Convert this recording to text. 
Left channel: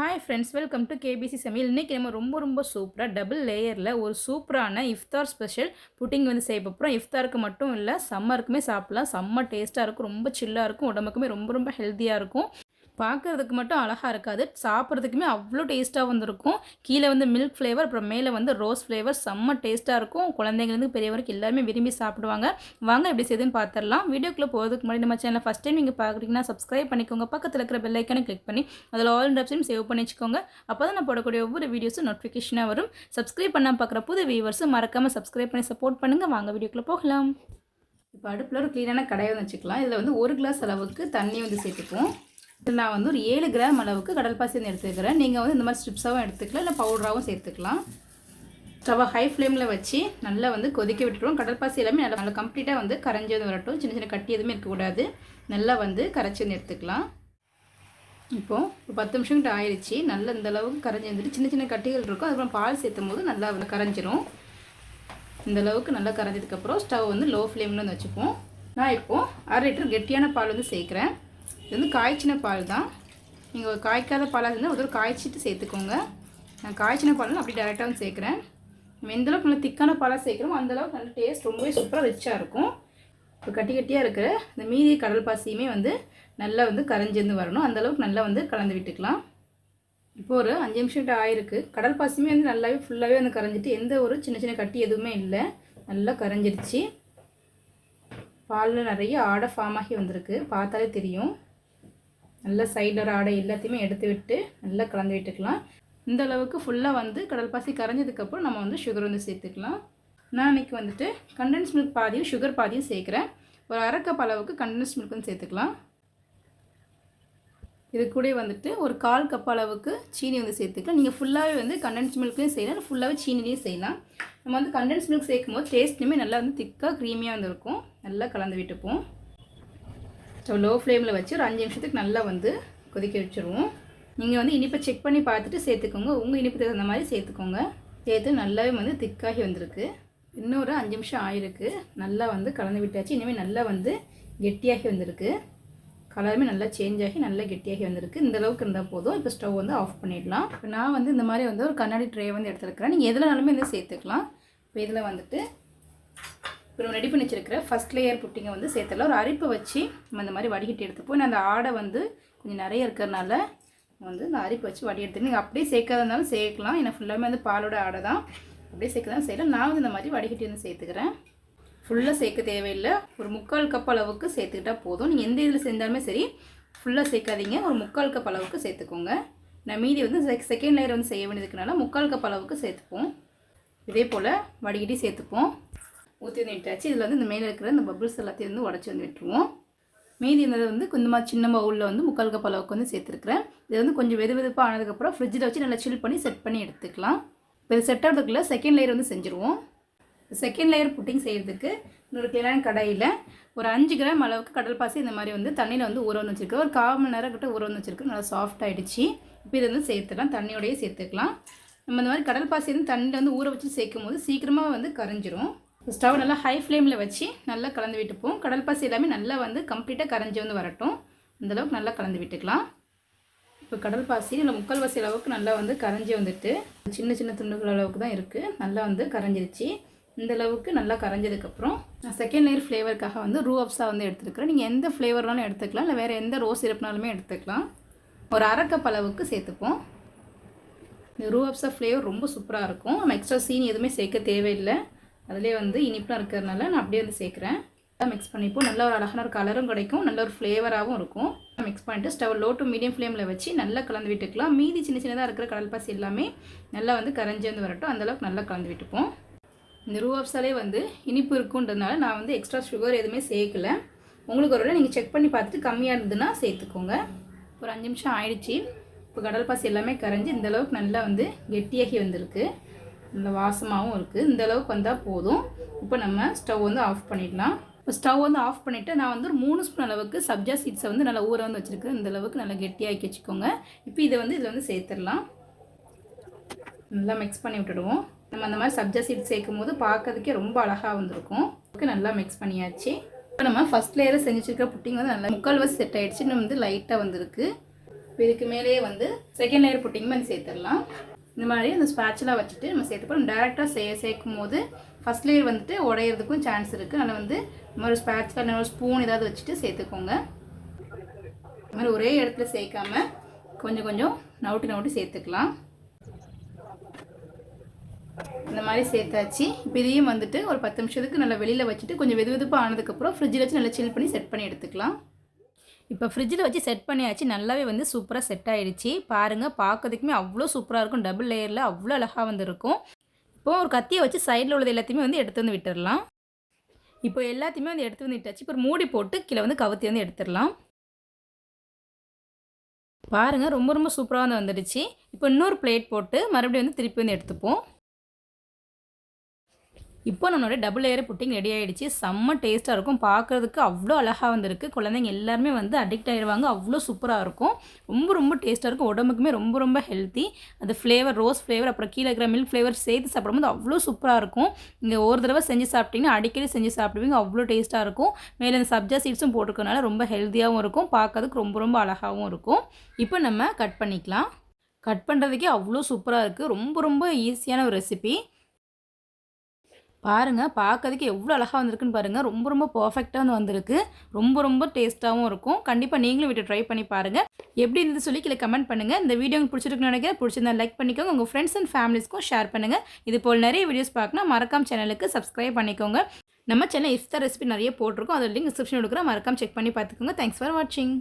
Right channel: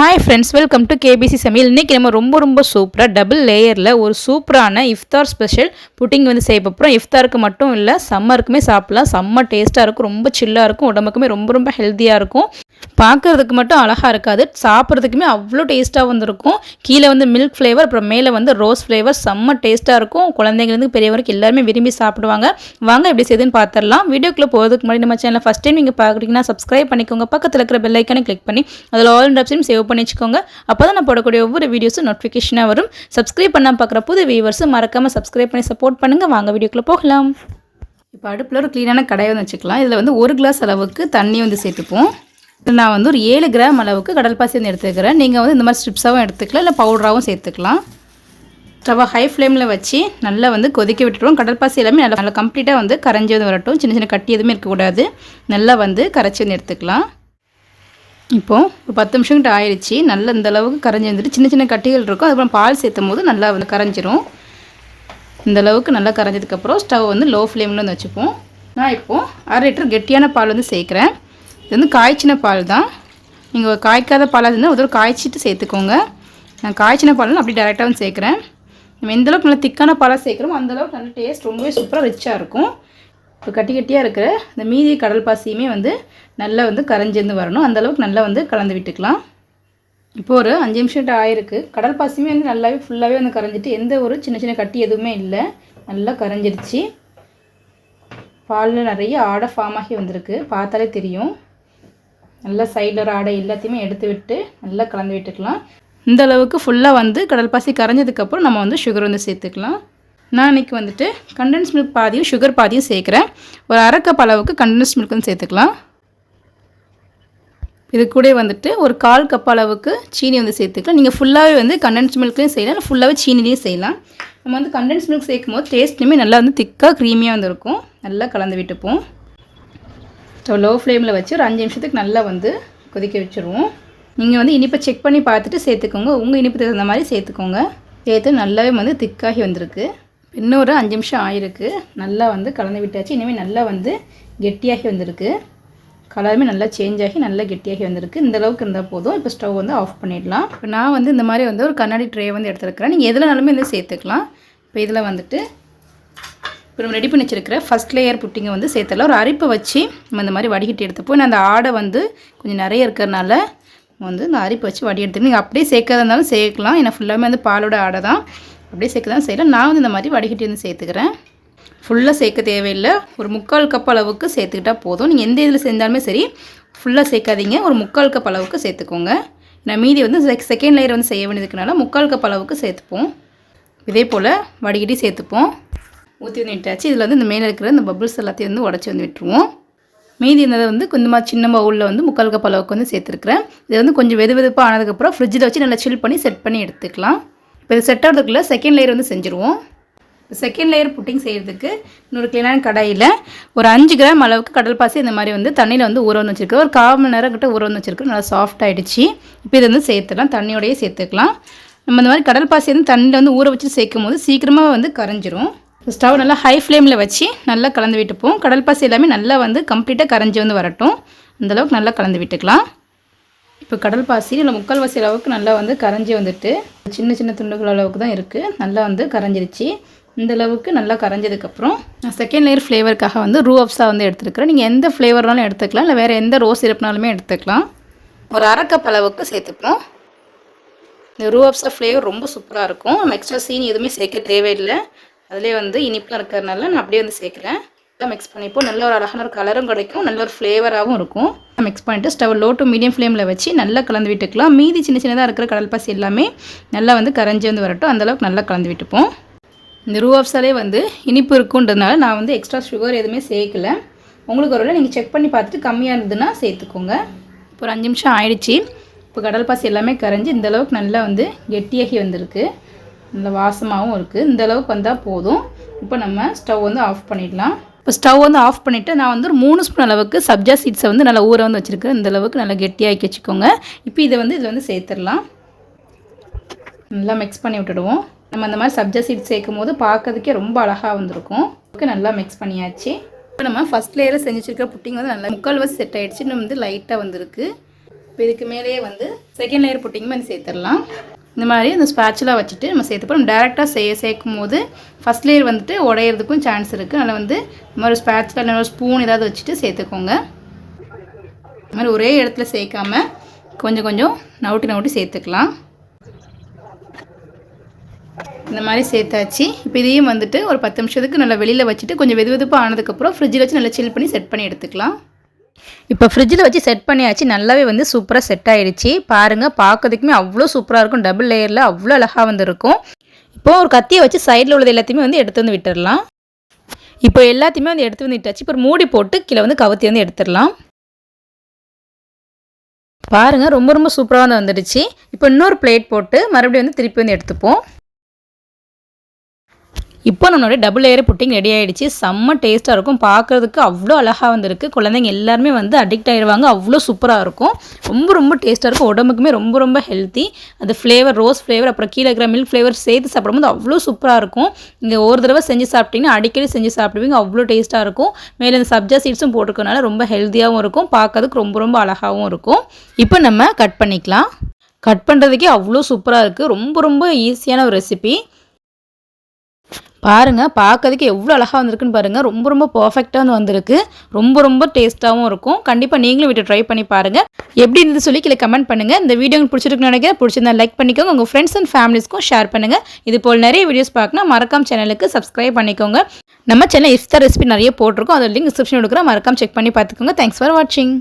Hi friends welcome to KBC சமையல் இன்றைக்கி நம்ம ரொம்ப ரொம்ப சூப்பராக டபுள் லேயரில் ஒரு சூப்பரான இஃப்தார் ஸ்பெஷல் புட்டிங் வந்து செய்ய போகிறோம் இஃப்தாருக்கு மட்டும் இல்லை சம்மருக்குமே சாப்பிட்லாம். செம்ம டேஸ்ட்டாக இருக்கும் ரொம்ப சில்லாக இருக்கும் உடம்புக்குமே ரொம்ப ரொம்ப ஹெல்த்தியாக இருக்கும். பார்க்குறதுக்கு மட்டும் அழகாக இருக்காது. சாப்பிட்றதுக்குமே அவ்வளோ டேஸ்ட்டாக வந்திருக்கும். கீழே வந்து மில்க் ஃப்ளேவர் அப்புறம் மேலே வந்து ரோஸ் ஃப்ளேவர் செம்ம டேஸ்ட்டாக இருக்கும். குழந்தைங்கலேருந்து பெரியவருக்கு எல்லாருமே விரும்பி சாப்பிடுவாங்க. வாங்க எப்படி செய்யுதுன்னு பார்த்துடலாம் வீடியோக்குள்ளே போகிறதுக்கு முன்னாடி நம்ம சேனல் ஃபஸ்ட் டைம் நீங்கள் பார்க்குறீங்கன்னா சப்ஸ்கிரைப் பண்ணிக்கோங்க. பக்கத்தில் இருக்கிற பெல் ஐக்கனை கிளிக் பண்ணி அதில் ஆல் ஆப்ஷன் சேவ் பண்ணி வச்சுக்கோங்க. அப்போ தான் நான் போடக்கூடிய ஒவ்வொரு வீடியோஸும் நோட்டிஃபிகேஷனாக வரும். சப்ஸ்கிரைப் பண்ணால் பார்க்குற புது வியூவர்ஸும் மறக்காமல் சப்ஸ்கிரைப் பண்ணி சப்போர்ட் பண்ணுங்கள் வாங்க வீடியோக்குள்ளே போகலாம். இப்போ அடுப்பில் ஒரு க்ளீனான கடையை வந்து வச்சுக்கலாம். இதில் வந்து ஒரு கிளாஸ் அளவுக்கு தண்ணி வந்து சேர்த்துப்போம். நான் வந்து ஒரு ஏழு கிராம் அளவுக்கு கடல் பாசி வந்து எடுத்துக்கிறேன். நீங்கள் வந்து இந்த மாதிரி ஸ்ட்ரிப்ஸாகவும் எடுத்துக்கலாம் இல்லை பவுடராகவும் சேர்த்துக்கலாம். ஸ்டவ்வை ஹை ஃப்ளேமில் வச்சு நல்லா வந்து கொதிக்க விட்டுருவோம் கடற்பாசி எல்லாமே நல்லா நல்லா கம்ப்ளீட்டாக வந்து கரைஞ்சி வந்து வரட்டும். சின்ன சின்ன கட்டி எதுவுமே இருக்கக்கூடாது. நல்லா வந்து கரைச்சி வந்து எடுத்துக்கலாம். இப்போது ஒரு பத்து நிமிஷம் கிட்ட ஆயிடுச்சு. நல்லா இந்த அளவுக்கு கரைஞ்சி வந்துட்டு சின்ன சின்ன கட்டிகள் இருக்கும். அதுக்கப்புறம் பால் சேர்த்தும் போது நல்லா வந்து கரைஞ்சிரும். இந்த அளவுக்கு நல்லா கரைஞ்சதுக்கப்புறம் ஸ்டவ் வந்து லோ ஃப்ளேமில் வந்து வச்சுப்போம். நான் இப்போது அரை லிட்டர் கெட்டியான பால் வந்து சேர்க்குறேன். இது வந்து காய்ச்சின பால் தான். நீங்கள் காய்க்காத பாலாக இருந்தால் ஒரு காய்ச்சிட்டு சேர்த்துக்கோங்க. நான் காய்ச்சின பால் அப்படி டேரெக்டாக வந்து சேர்க்குறேன். நம்ம எந்தளவுக்கு நல்லா திக்கான பாலாக சேர்க்குறோமோ அந்தளவுக்கு நல்ல டேஸ்ட் ரொம்பவே சூப்பராக ரிச்சாக இருக்கும். இப்போ கட்டி கட்டியாக இருக்கிற இந்த மீதி கடல் பாசியுமே வந்து நல்லா வந்து கரைஞ்சிருந்து வரணும். அந்தளவுக்கு நல்லா வந்து கலந்து விட்டுக்கலாம். இப்போ ஒரு அஞ்சு நிமிஷம் ஆயிருக்கு. கடல் பாசியுமே வந்து நல்லாவே ஃபுல்லாகவே வந்து கரைஞ்சிட்டு எந்த ஒரு சின்ன சின்ன கட்டி எதுவுமே இல்லை. நல்லா கரைஞ்சிருச்சு. பாலில் நிறைய ஆடை ஃபார்ம் ஆகி வந்திருக்கு. பார்த்தாலே தெரியும். நல்லா சைடில் ஒரு ஆடை எல்லாத்தையுமே எடுத்து விட்டு நல்லா கலந்து விட்டுக்கலாம். இந்த அளவுக்கு ஃபுல்லாக வந்து கடல் பாசி கரைஞ்சதுக்கப்புறம் நம்ம வந்து சுகர் வந்து சேர்த்துக்கலாம். நான் இன்றைக்கி வந்துட்டு கண்டென்ஸ் மில்க் பாதியும் சுகர் பாதியும் சேர்க்குறேன். ஒரு அரை அளவுக்கு கண்டென்ஸ் மில்க் வந்து சேர்த்துக்கலாம். இது கூட வந்துட்டு ஒரு கால் கப் அளவுக்கு சீனி வந்து சேர்த்துக்கலாம். நீங்கள் ஃபுல்லாகவே வந்து கண்டென்ஸ் மில்க்லேயும் செய்யலாம் இல்லை ஃபுல்லாகவே சீனிலையும் செய்யலாம். நம்ம வந்து கண்டென்ஸ் மில்க் சேர்க்கும் போது டேஸ்ட்டுமே நல்லா வந்து திக்காக க்ரீமியாக வந்து இருக்கும். நல்லா கலந்து விட்டுப்போம். ஸோ லோ ஃப்ளேமில் வச்சு ஒரு அஞ்சு நிமிஷத்துக்கு நல்லா வந்து கொதிக்க வச்சுருவோம். நீங்கள் வந்து இனிப்பை செக் பண்ணி பார்த்துட்டு சேர்த்துக்கோங்க. உங்கள் இனிப்பு தகுந்த மாதிரி சேர்த்துக்கோங்க. சேர்த்து நல்லாவே வந்து திக்காகி வந்திருக்கு. இன்னொரு அஞ்சு நிமிஷம் ஆயிருக்கு. நல்லா வந்து கலந்து விட்டாச்சு. இனிமேல் நல்லா வந்து கெட்டியாகி வந்திருக்கு. கலருமே நல்லா சேஞ்ச் ஆகி நல்லா கெட்டியாகி வந்திருக்கு. இந்த அளவுக்கு இருந்தால் போதும். இப்போ ஸ்டவ் வந்து ஆஃப் பண்ணிடலாம். இப்போ நான் வந்து இந்த மாதிரி வந்து ஒரு கண்ணாடி ட்ரே வந்து எடுத்துருக்கிறேன். நீங்கள் எதுலனாலுமே வந்து சேர்த்துக்கலாம். இப்போ இதில் வந்துட்டு இப்போ நம்ம ரெடி பண்ணி வச்சிருக்கிற ஃபஸ்ட் லேயர் புட்டிங்கை வந்து சேர்த்துல ஒரு அரிப்பை வச்சு நம்ம இந்த மாதிரி வடிகட்டி எடுத்துப்போம். நான் அந்த ஆடை வந்து கொஞ்சம் நிறைய இருக்கிறனால வந்து இந்த அரிப்பை வச்சு வடி எடுத்து நீங்கள் அப்படியே சேர்க்கறதா இருந்தாலும் சேர்க்கலாம். ஏன்னா ஃபுல்லாமே வந்து பாலோட ஆடை தான். அப்படியே சேர்க்க தான் செய்யலாம் நான் வந்து இந்த மாதிரி வடிகட்டி வந்து சேர்த்துக்கிறேன். ஃபுல்லாக சேர்க்க தேவையில்லை. ஒரு முக்கால் கப் அளவுக்கு சேர்த்துக்கிட்டால் போதும். நீங்கள் எந்த இதில் செஞ்சாலுமே சரி ஃபுல்லாக சேர்க்காதீங்க. ஒரு முக்கால் கப் அளவுக்கு சேர்த்துக்கோங்க. நான் மீதி வந்து செகண்ட் லேயர் வந்து செய்ய வேண்டியதுக்குனால முக்கால் கப் அளவுக்கு சேர்த்துப்போம். இதே போல் வடிகட்டி சேர்த்துப்போம். ஊற்றி வந்து விட்டாச்சு இதில் வந்து இந்த மேலே இருக்கிற இந்த பபுள்ஸ் எல்லாத்தையும் வந்து உடச்சி வந்து விட்டுருவோம். மீதி இருந்ததை வந்து கொஞ்சமாக சின்ன பவுலில் வந்து முக்கால் கப் அளவுக்கு வந்து சேர்த்துருக்குறேன். இது வந்து கொஞ்சம் வெது வெதுப்பாக ஆனதுக்கப்புறம் ஃப்ரிட்ஜில் வச்சு நல்லா சில் பண்ணி செட் பண்ணி எடுத்துக்கலாம். இப்போ இது செட் ஆகிறதுக்குள்ளே செகண்ட் லேயர் வந்து செஞ்சுருவோம். செகண்ட் லேயர் புட்டிங் செய்கிறதுக்கு இன்னொரு க்ளீனான கடாயில் ஒரு அஞ்சு கிராம் அளவுக்கு கடல் பாசி இந்த மாதிரி வந்து தண்ணியில் வந்து ஊற வந்து வச்சுருக்கோம் ஒரு கால் மணி நேரம் கிட்ட ஊற வந்து வச்சுருக்கோம் நல்லா சாஃப்ட் ஆகிடுச்சு இப்போ இதை வந்து சேர்த்துக்கலாம் தண்ணியோடையே சேர்த்துக்கலாம். நம்ம இந்த மாதிரி கடல் பாசி வந்து தண்ணியில் வந்து ஊற வச்சு சேர்க்கும் போது சீக்கிரமாக வந்து கரைஞ்சிரும். ஸ்டவ் நல்லா ஹை ஃப்ளேமில் வச்சு நல்லா கலந்து விட்டுப்போம். கடல் பாசி எல்லாமே நல்லா வந்து கம்ப்ளீட்டாக கரைஞ்சி வந்து வரட்டும். அந்தளவுக்கு நல்லா கலந்து விட்டுக்கலாம். இப்போ கடல் பாசி இல்லை முக்கால்வாசி அளவுக்கு நல்லா வந்து கரைஞ்சி வந்துட்டு சின்ன சின்ன துண்டுகள் அளவுக்கு தான் இருக்குது நல்லா வந்து கரைஞ்சிருச்சு. இந்த அளவுக்கு நல்லா கரைஞ்சதுக்கப்புறம் நான் செகண்ட் லேயர் ஃப்ளேவருக்காக வந்து ரூ அப்ஸா வந்து எடுத்துருக்கிறேன். நீங்கள் எந்த ஃப்ளேவர்னாலும் எடுத்துக்கலாம். இல்லை வேறு எந்த ரோஸ் சிரப்னாலுமே எடுத்துக்கலாம். ஒரு அரை கப் அளவுக்கு சேர்த்துப்போம். இந்த ரூ அப்ஸா ஃப்ளேவர் ரொம்ப சூப்பராக இருக்கும். நம்ம எக்ஸ்ட்ரா சீனி எதுவுமே சேர்க்க தேவையில்லை. அதிலே வந்து இனிப்பும் இருக்கிறதுனால நான் அப்படியே வந்து சேர்க்குறேன். மிக்ஸ் பண்ணிப்போம் நல்ல ஒரு அழகான ஒரு கலரும் கிடைக்கும். நல்ல ஒரு ஃப்ளேவராகவும் இருக்கும். மிக்ஸ் பண்ணிட்டு ஸ்டவ் லோ டு மீடியம் ஃப்ளேமில் வச்சு நல்லா கலந்து விட்டுக்கலாம். மீதி சின்ன சின்னதாக இருக்கிற கடல் பாசி எல்லாமே நல்லா வந்து கரைஞ்சி வந்து வரட்டும். அந்தளவுக்கு நல்லா கலந்து விட்டுப்போம். இந்த ரூ ஆஃப்ஸாலே வந்து இனிப்பு இருக்குன்றதுனால நான் வந்து எக்ஸ்ட்ரா சுகர் எதுவுமே சேர்க்கல. உங்களுக்கு ஒரு நீங்கள் செக் பண்ணி பார்த்துட்டு கம்மியாக இருந்ததுன்னா சேர்த்துக்கோங்க. இப்போ ஒரு அஞ்சு நிமிஷம் ஆயிடுச்சு. இப்போ கடல் பாசி எல்லாமே கரைஞ்சி இந்த அளவுக்கு நல்லா வந்து கெட்டியாகி வந்திருக்கு. நல்ல வாசமாகவும் இருக்குது இந்த அளவுக்கு வந்தால் போதும். இப்போ நம்ம ஸ்டவ் வந்து ஆஃப் பண்ணிடலாம். இப்போ ஸ்டவ் வந்து ஆஃப் பண்ணிவிட்டு நான் வந்து ஒரு மூணு ஸ்பூன் அளவுக்கு சப்ஜா சீட்ஸை வந்து நல்லா ஊற வந்து வச்சுருக்கேன். இந்த அளவுக்கு நல்லா கெட்டியாக்கி வச்சுக்கோங்க. இப்போ இதை வந்து இதில் வந்து சேர்த்துடலாம். நல்லா மிக்ஸ் பண்ணி விட்டுடுவோம். நம்ம அந்த மாதிரி சப்ஜா சீட் சேர்க்கும் போது பார்க்கறதுக்கே ரொம்ப அழகாக வந்திருக்கும். ஓகே நல்லா மிக்ஸ் பண்ணியாச்சு. இப்போ நம்ம ஃபஸ்ட் லேயரில் செஞ்சு வச்சிருக்கிற புட்டிங் வந்து நல்லா முக்கால்வாசி செட் ஆகிடுச்சு இன்னும் வந்து லைட்டாக வந்திருக்கு. இப்போ இதுக்கு மேலேயே வந்து செகண்ட் லேயர் புட்டிங் மாதிரி சேர்த்துடலாம். இந்த மாதிரி அந்த ஸ்பேட்சலாக வச்சுட்டு நம்ம சேர்த்துப்போம் டேரெக்டாக செய்ய சேர்க்கும் போது ஃபஸ்ட் லேயர் வந்துட்டு உடையிறதுக்கும் சான்ஸ் இருக்குது அதனால் வந்து இந்த மாதிரி ஸ்பேட்சில் இல்லை ஸ்பூன் ஏதாவது வச்சுட்டு சேர்த்துக்கோங்க. இந்த மாதிரி ஒரே இடத்துல சேர்க்காம கொஞ்சம் கொஞ்சம் நவுட்டி நவுட்டி சேர்த்துக்கலாம். இந்த மாதிரி சேர்த்தாச்சு. இப்போ இதையும் வந்துட்டு ஒரு பத்து நிமிஷத்துக்கு நல்லா வெளியில் வச்சுட்டு கொஞ்சம் வெது வெதுப்பாக ஆனதுக்கப்புறம் ஃப்ரிட்ஜில் வச்சு நல்லா சில் பண்ணி செட் பண்ணி எடுத்துக்கலாம். இப்போ ஃப்ரிட்ஜில் வச்சு செட் பண்ணியாச்சு. நல்லாவே வந்து சூப்பராக செட் ஆகிடுச்சு பாருங்கள் பார்க்கறதுக்குமே அவ்வளோ சூப்பராக இருக்கும். டபுள் லேயரில் அவ்வளோ அழகாக வந்துருக்கும். இப்போ ஒரு கத்தியை வச்சு சைடில் உள்ளது எல்லாத்தையுமே வந்து எடுத்து வந்து விட்டுடலாம் இப்போ எல்லாத்தையுமே வந்து எடுத்து வந்து விட்டாச்சு. இப்போ மூடி போட்டு கீழே வந்து கவுத்தி வந்து எடுத்துடலாம். பாருங்கள் ரொம்ப ரொம்ப சூப்பராக வந்து வந்துடுச்சு. இப்போ இன்னொரு பிளேட் போட்டு மறுபடியும் வந்து திருப்பி வந்து எடுத்துப்போம். இப்போ நம்மளோட டபுள் லேயர் புட்டிங் ரெடி ஆகிடுச்சு செம்ம டேஸ்ட்டாக இருக்கும். பார்க்குறதுக்கு அவ்வளோ அழகாக வந்திருக்கு. குழந்தைங்க எல்லாருமே வந்து அடிக்ட் ஆகிடுவாங்க அவ்வளோ சூப்பராக இருக்கும். ரொம்ப ரொம்ப டேஸ்ட்டாக இருக்கும். உடம்புக்குமே ரொம்ப ரொம்ப ஹெல்த்தி அது ஃப்ளேவர் ரோஸ் ஃப்ளேவர் அப்புறம் கீழே இருக்கிற மில்க் ஃப்ளேவர் சேர்த்து சாப்பிடும்போது அவ்வளோ சூப்பராக இருக்கும். இங்கே ஒரு தடவை செஞ்சு சாப்பிட்டீங்கன்னா அடிக்கடி செஞ்சு சாப்பிடுவீங்க. அவ்வளோ டேஸ்ட்டாக இருக்கும். மேலே இந்த சப்ஜா சீட்ஸும் போட்டுருக்கனால ரொம்ப ஹெல்த்தியாகவும் இருக்கும். பார்க்கறதுக்கு ரொம்ப ரொம்ப அழகாகவும் இருக்கும். இப்போ நம்ம கட் பண்ணிக்கலாம். கட் பண்ணுறதுக்கே அவ்வளோ சூப்பராக இருக்குது ரொம்ப ரொம்ப ஈஸியான ஒரு ரெசிபி பாருங்கள் பார்க்கறதுக்கு எவ்வளோ அழகாக வந்திருக்குன்னு பாருங்கள் ரொம்ப ரொம்ப பர்ஃபெக்டாக வந்து வந்திருக்கு. ரொம்ப ரொம்ப டேஸ்ட்டாகவும் இருக்கும். கண்டிப்பாக நீங்களும் வீட்டை ட்ரை பண்ணி பாருங்கள் எப்படி இருந்து சொல்லி கீழே கமெண்ட் பண்ணுங்கள் இந்த வீடியோ உங்களுக்கு பிடிச்சிருக்குன்னு நினைக்கிறேன். பிடிச்சிருந்தா லைக் பண்ணிக்கோங்க. உங்கள் ஃப்ரெண்ட்ஸ் அண்ட் ஃபேமிலிஸ்க்கும் ஷேர் பண்ணுங்கள் இது போல் நிறைய வீடியோஸ் பார்க்கணும். மறக்காம சேனலுக்கு சப்ஸ்கிரைப் பண்ணிக்கோங்க. நம்ம சேனல் இஃப்தார் ரெசிபி நிறைய போட்டிருக்கோம். அதோட லிங்க் டிஸ்கிரிப்ஷன் கொடுக்குறேன். மறக்காம செக் பண்ணி பார்த்துக்கோங்க. தேங்க்ஸ் ஃபார் வாட்சிங்